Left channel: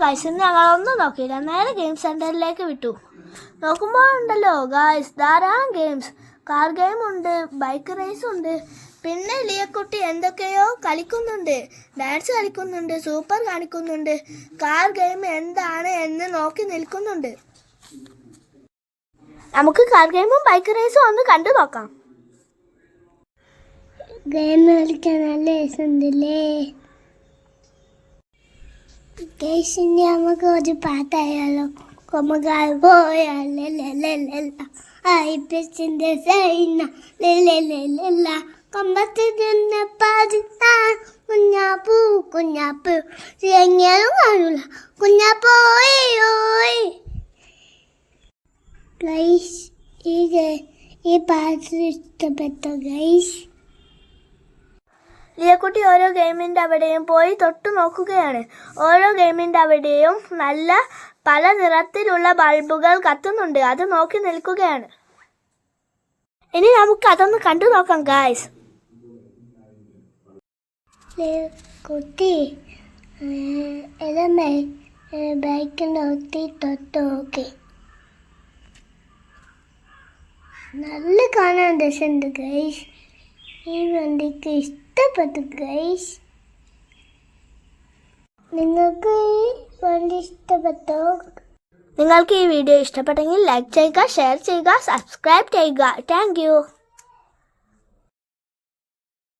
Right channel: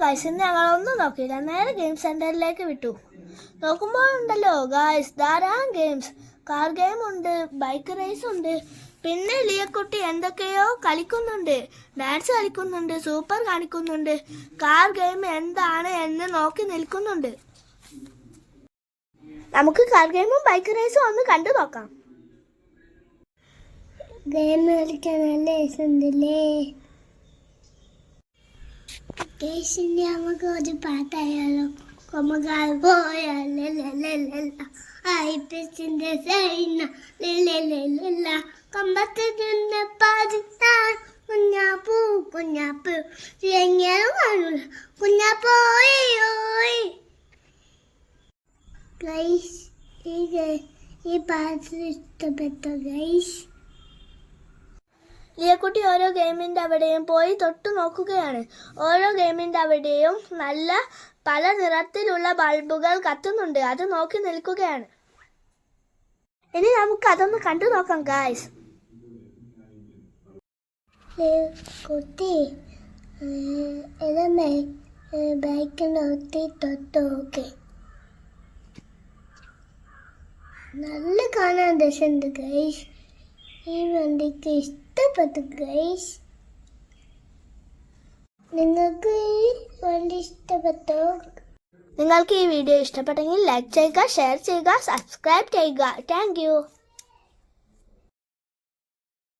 Guys ഇന്ന് ഞങ്ങൾ ഒന്നും നോക്കിയില്ല നേരെ ഗെയിം സെന്ററിലേക്ക് വിട്ടു. നോക്കുമ്പോൾ ഉണ്ടല്ലോ ഗൈസ് ധാരാളം ഗെയിംസ് കാർ ഗെയിം ഉണ്ട് ബൈക്ക് റേസ് ഉണ്ട്. പിന്നെ ലിയക്കുട്ടി എന്തൊക്കെയോ കളിക്കുന്നുണ്ട്. ഡാൻസ് കളിക്കുന്നുണ്ട് സൂപ്പർ കാണിക്കുന്നുണ്ട്. കാർ ഗെയിം എന്താണ് എന്ന് നോക്കി നിൽക്കുന്നുണ്ട്. നമുക്ക് കാർ ഗെയിമും ബൈക്ക് റേസും ഒന്ന് കണ്ടു നോക്കാം. ഗെയിം കളിക്കാൻ നല്ല രസമുണ്ടല്ലേ? കേശിന്റെ നമുക്ക് ഒരു പാട്ടായാലോ? കൊമകാൽ പോയാലല്ല ഐപ്പസിന്റെ സൈന. ലല്ല കൊമ്പത്ത് നിന്ന പാടുന്ന കുഞ്ഞാപ്പൂ കുഞ്ഞാപ്പൂ. എങ്ങനെയും കാണില്ല കുഞ്ഞാപ്പോയോയ് ഗൈസ് ഈ ഈ പാട്ട് ഇഷ്ടപ്പെട്ടോ ഗൈസ്? ലിയക്കുട്ടി ഓരോ ഗെയിമിന്റെ അവിടെയും പോയി തൊട്ടു നോക്കുകയാണ്. ഓരോ ഗെയിമിന്റെ അവിടെയും നല്ല പല നിറത്തിലുള്ള ബൾബുകൾ കത്തുന്നുണ്ട്. അത് നോക്കി നിൽക്കുകയാണ്. ഇനി നമുക്ക് അതൊന്ന് കണ്ടു നോക്കാം ഗായ്സ് നോക്കി നല്ല കാണാൻ രസമുണ്ട് ഗൈസ് ഈ വണ്ടിക്ക് ഇഷ്ടപ്പെട്ടു ഗൈസ് നിങ്ങൾക്ക് ഈ വണ്ടി ഇഷ്ടപ്പെട്ടോ? നിങ്ങൾക്ക് ഈ വീഡിയോ ഇഷ്ടപ്പെട്ടെങ്കിൽ ലൈക്ക് ചെയ്യുക ഷെയർ ചെയ്യുക സബ്സ്ക്രൈബ് ചെയ്യുക. താങ്ക്